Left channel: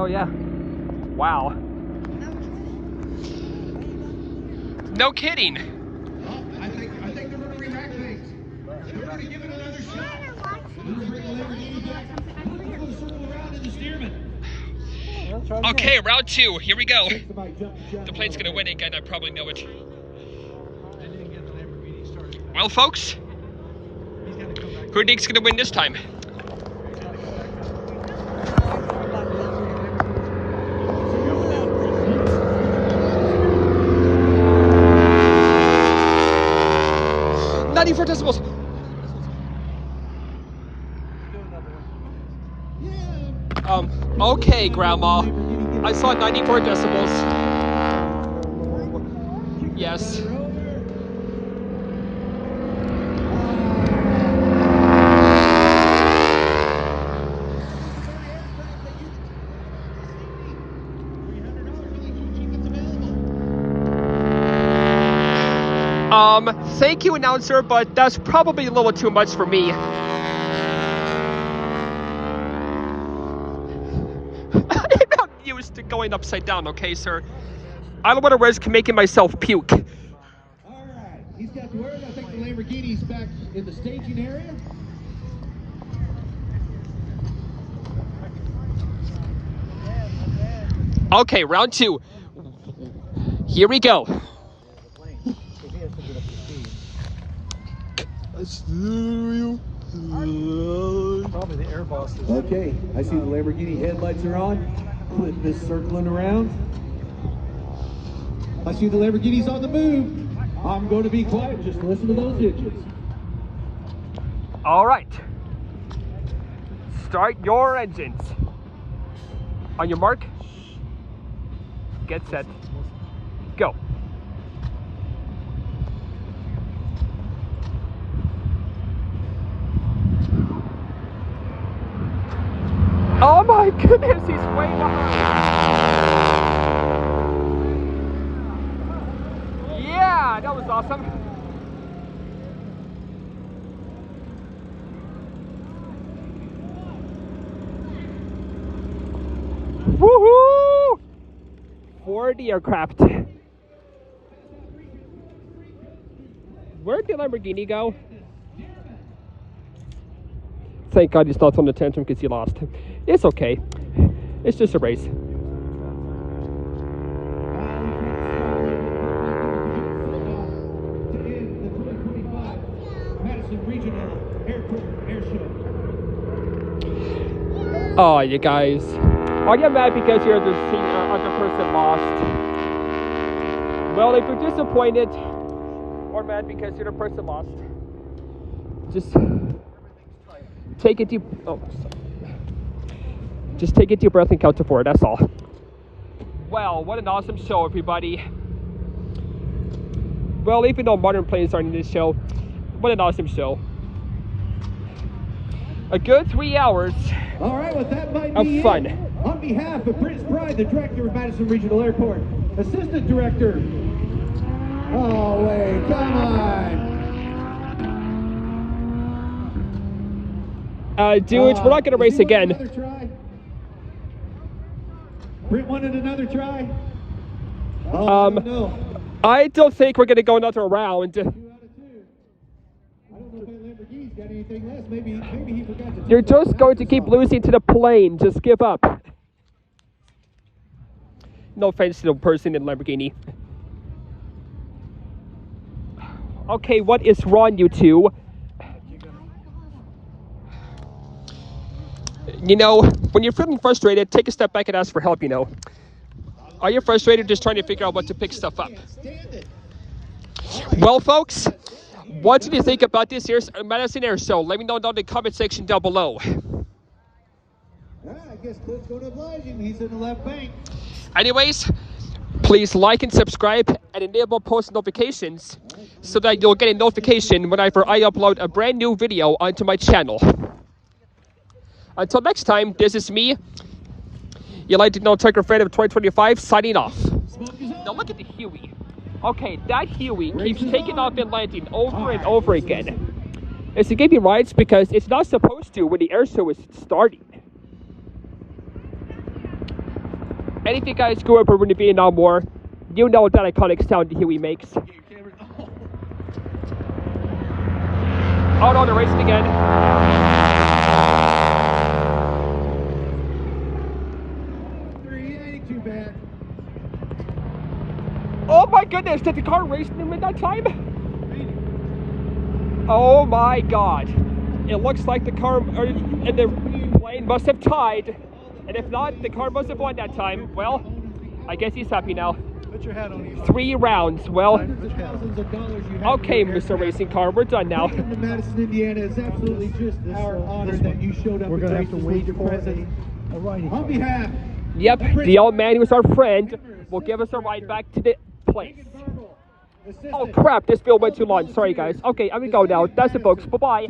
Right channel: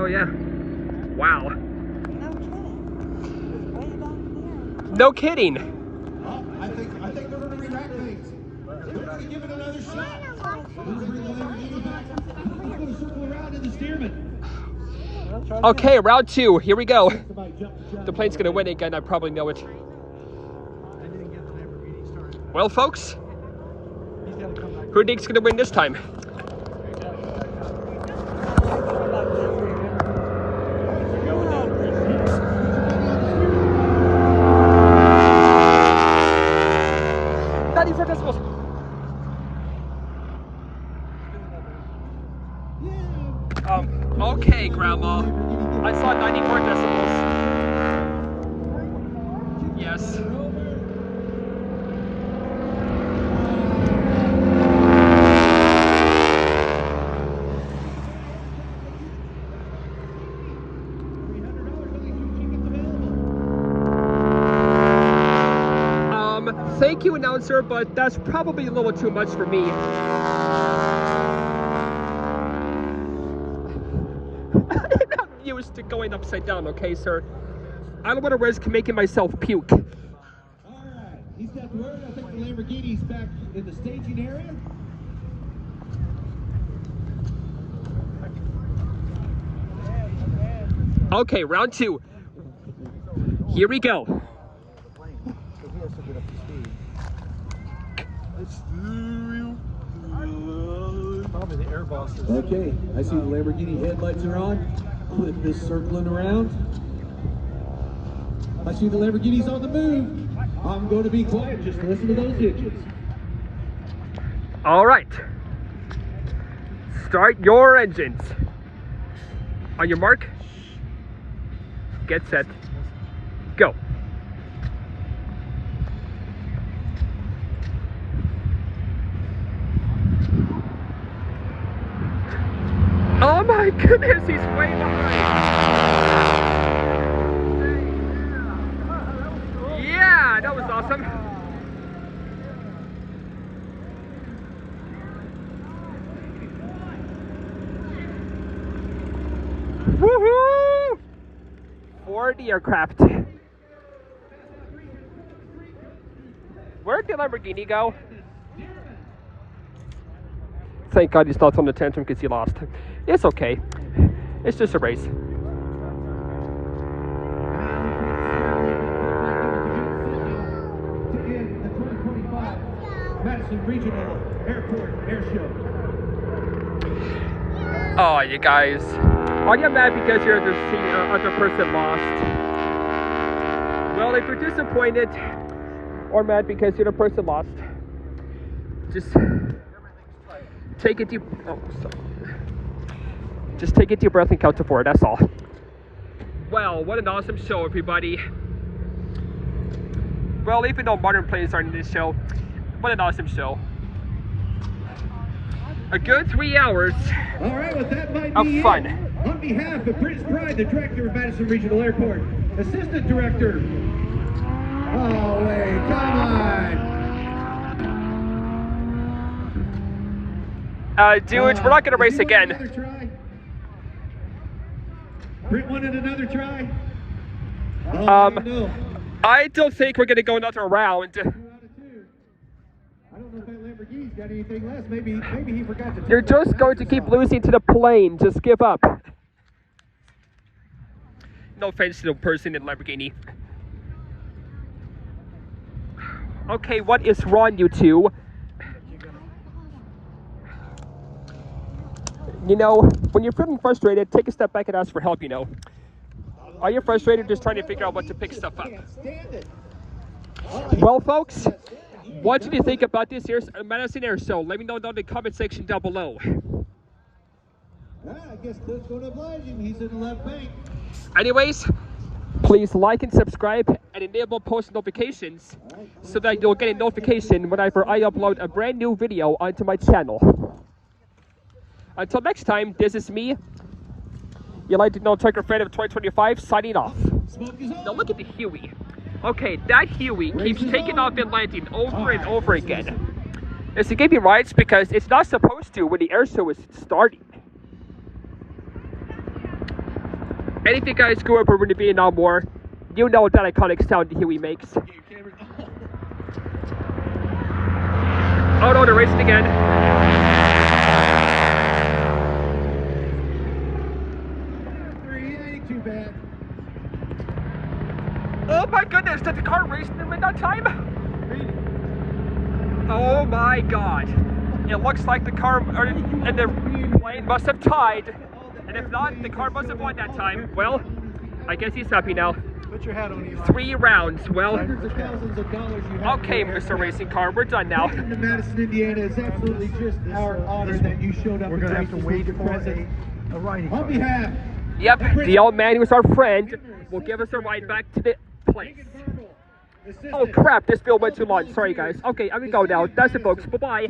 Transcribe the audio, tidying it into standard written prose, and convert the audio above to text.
Oh yeah. Wow. No kidding. I think they're going to re-rack things. They're going to give it another shot. They're going to bring the Lamborghini back. Circle around in the steerman. Okay, round 2. Here we go. The plane's going to win again. I probably know it. Well, folks, who do you think's going to win this time? Okay, Grandma. I saw 94 decibels. Yes. Thank you, announcer, but that's probably a little too much for me. Used to going upside down, okay, sir? I don't want to risk making myself puke. All right, he's got the word. I think the Lamborghini's back in the staging area. Okay, round 2. Here we go. Okay, I see the Lamborghini headlights are on. With this circling around. I see the Lamborghini's on the move. I'm going to be quiet. Just listen to those engines. All right. Start your engines. On your mark. Get set. Go. Oh my goodness, he's way behind. Yeah, that was awesome. Woohoo! 40 aircraft. Where'd the Lamborghini go? Thank God he's not on the tantrum because he lost. It's okay. It's just a race. Madison Regional Airport Air Show. Oh, you guys. Are you mad because you're the other person lost? Well, if you're disappointed or mad because you're the person lost, just take a deep. Oh, sorry. Just take a deep breath and count to 4. That's all. Well, what an awesome show, everybody. Well, even though modern planes aren't in this show, what an awesome show. A good 3 hours. All right, well, that might of be fun. It. On behalf of Prince Pride, the director of Madison Regional Airport, assistant director. Oh, wait, come on. Dudes, we're not going to race again. Britt wanted another try? Oh, no. I don't think we're going to go another round. 2 out of 2. I don't know if that Lamborghini's got anything less. Maybe he forgot to. You're just going to keep losing to the plane. Just give up. No offense to the person in Lamborghini. Okay, what is wrong, you two? You know, when you're feeling frustrated, take a step back and ask for help, you know. Are you frustrated just trying to figure out what to pick stuff up? Well, folks, what did you think about this year's Madison Air Show? Let me know down in the comment section down below. I guess Cliff's going to oblige him. He's in the left bank. Anyways, please like and subscribe and enable post notifications so that you'll get a notification whenever I upload a brand new video onto my channel. Until next time, this is me, your Light No Tiger fan of 2025, signing off. Now look at the Huey. Okay, that Huey keeps taking off and landing over and over again. It's to give you rights because it's not supposed to when the air show is starting. And if you guys grew up over in Vietnam War, you know that iconic sound Huey makes. Oh no, they're racing again. Ain't too bad. Oh my goodness, did the car race them at that time? Oh my god. It looks like the car and the plane must have tied. And if not, the car must have won that time. Well, I guess he's happy now. Put your hat on, Eli. 3 rounds. Well, Thousands of dollars you have okay, for Mr. Racing Car, we're done now. Welcome to Madison, Indiana. It's absolutely just our honor that you showed up and graced us with your presence. On behalf Yep, the old man who was our friend will give us a ride back to the place. Oh crap, this bill went too long. Sorry guys. Okay, I'm gonna go now. That's it folks. Bye-bye.